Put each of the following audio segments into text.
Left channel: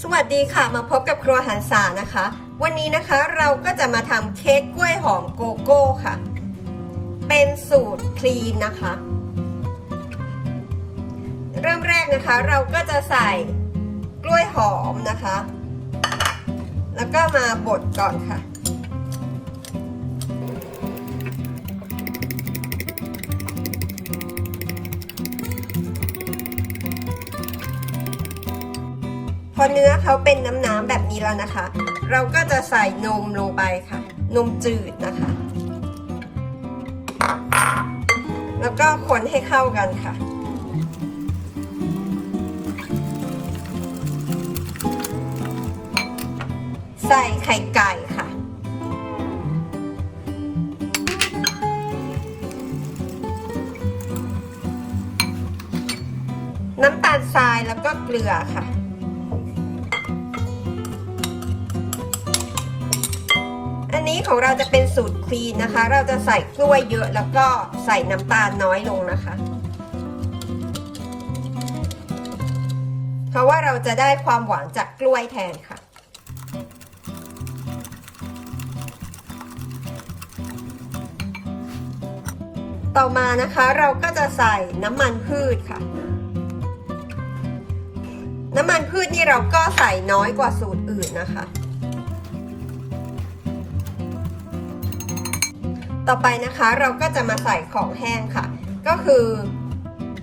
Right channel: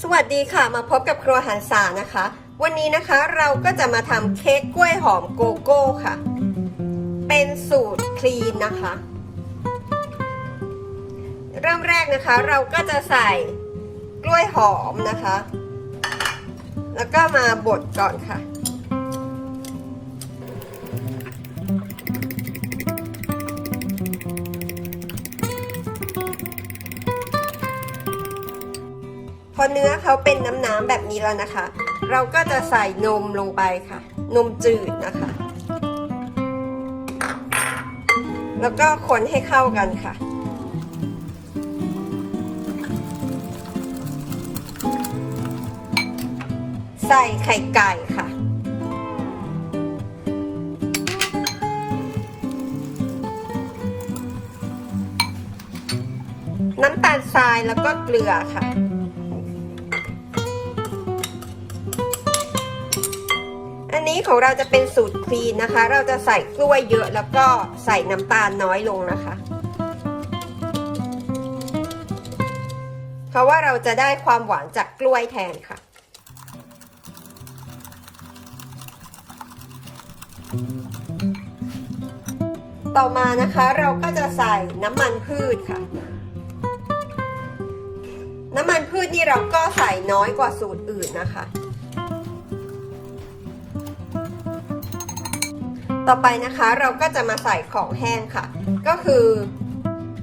สวัสดีค่ะมาพบกับครัวหันษานะคะ วันนี้นะคะเราก็จะมาทำเค้กกล้วยหอมโกโก้ค่ะ เป็นสูตรคลีนนะคะ เริ่มแรกนะคะเราก็จะใส่กล้วยหอมนะคะ แล้วก็มาบดก่อนค่ะ อเนื้อเขาเป็นน้ำๆแบบนี้แล้วนะคะ เราก็จะใส่นมลงไปค่ะ นมจืดนะคะ แล้วก็คนให้เข้ากันค่ะ ใส่ไข่ไก่ค่ะ น้ำตาลทรายแล้วก็เกลือค่ะ นี้ของเราจะเป็นสูตรคลีนนะคะ เราจะใส่กล้วยเยอะแล้วก็ใส่น้ำตาลน้อยลงนะคะ เพราะว่าเราจะได้ความหวานจากกล้วยแทนค่ะต่อมานะคะเราก็จะใส่น้ำมันพืชค่ะ น้ำมันพืชนี่เราก็ใส่น้อยกว่าสูตรอื่นนะคะ ต่อไปนะคะเราก็จะมาใส่ของแห้งค่ะ ก็คือ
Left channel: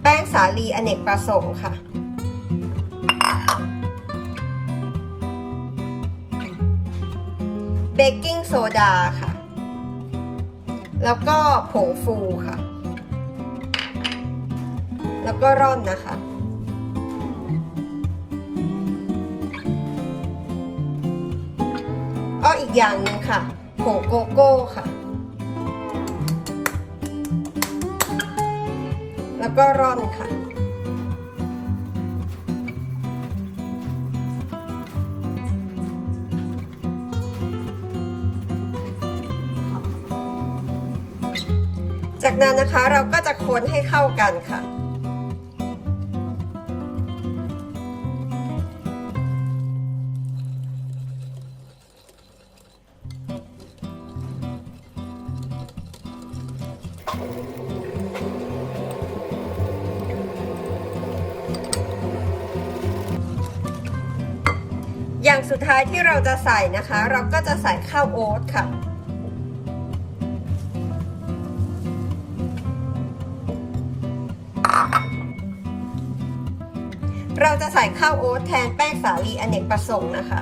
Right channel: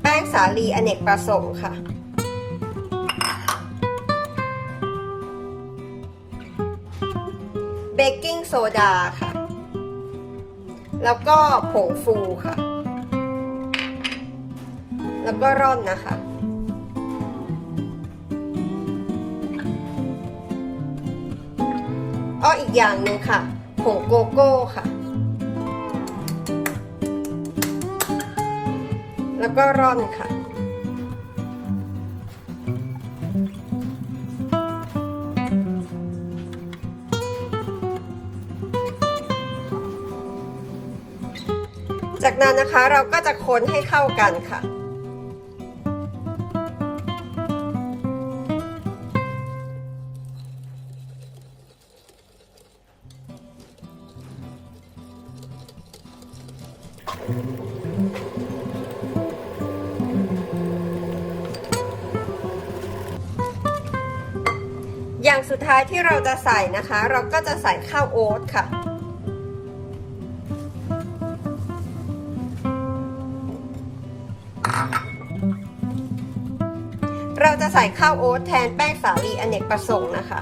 แป้งสาลีอเนกประสงค์ค่ะ เบกกิ้งโซดาค่ะ แล้วก็ผงฟูค่ะ แล้วก็ร่อนนะคะอ้ออีกอย่างหนึ่งค่ะผงโกโก้ค่ะ ก็ร่อนค่ะ จากนั้นนะคะเราก็จะคนให้เข้ากันค่ะ อย่างสุดท้ายที่เราจะใส่นะคะ เราก็จะใส่ข้าวโอ๊ตค่ะ เราจะใส่ข้าวโอ๊ตแทนแป้งสาลีอเนกประสงค์นะคะ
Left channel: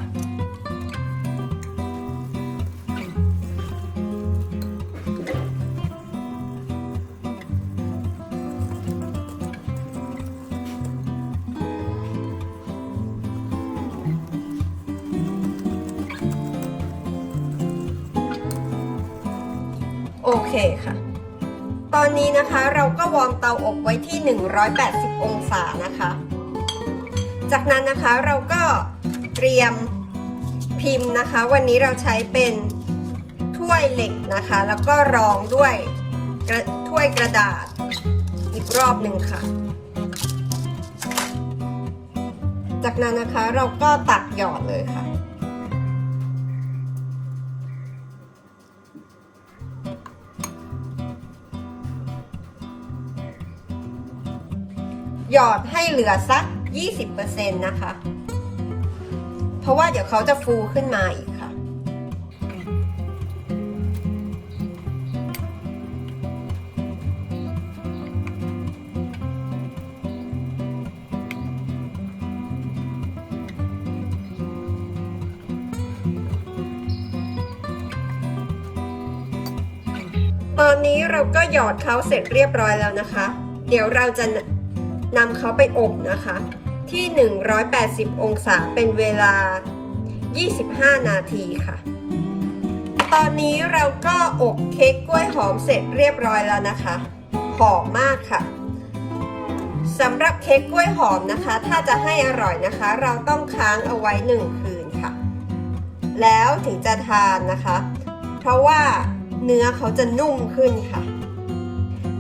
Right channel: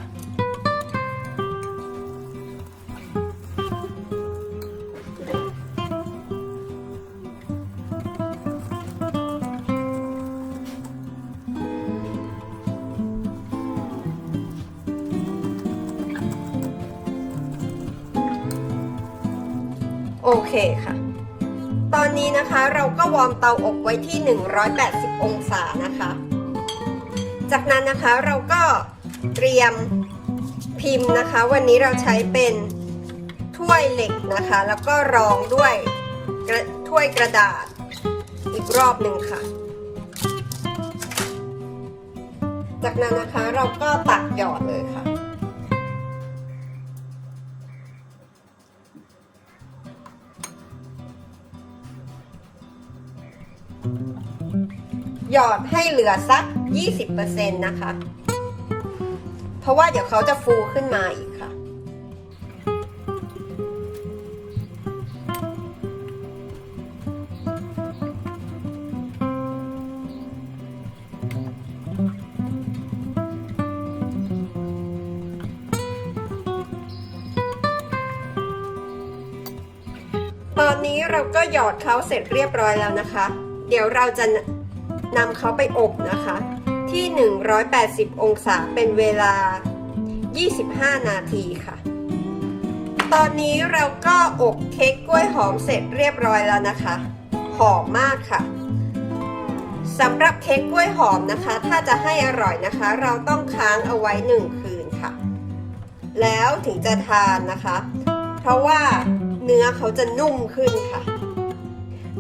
เคค่ะ ตอนนี้นะคะเราก็วอร์มเตาอบไว้ที่ 180 องศานะคะ จากนั้นนะคะเราก็เตรียมพิมพ์นะคะ วันนี้เราใช้เป็นถ้วยเหล็กนะคะ แล้วก็รองด้วยถ้วยกระดาษอีกรอบหนึ่งค่ะ จากนั้นนะคะเราก็ตักหยอดเลยค่ะ หยอดให้เหลือสัก 20%นะคะ เพราะว่าเดี๋ยวเขาจะฟูขึ้นมาอีกค่ะ ตอนนี้เราก็หยอดเขาเสร็จเรียบร้อยแล้วนะคะ เดี๋ยวเราจะ นำเขาไปอบนะคะ ที่ 180 องศาเป็นเวลา 25 นาทีค่ะ ตอนนี้เราก็อบเค้กกล้วยหอมเสร็จเรียบร้อยแล้วนะคะ หอมมากค่ะสำหรับเค้กกล้วยหอมนะคะ ถ้าจะให้อร่อยนะคะ เราต้องค้างเอาไว้1คืนค่ะ แล้วถึงจะทานนะคะ เพราะว่าเนื้อเขาจะนุ่มขึ้นค่ะ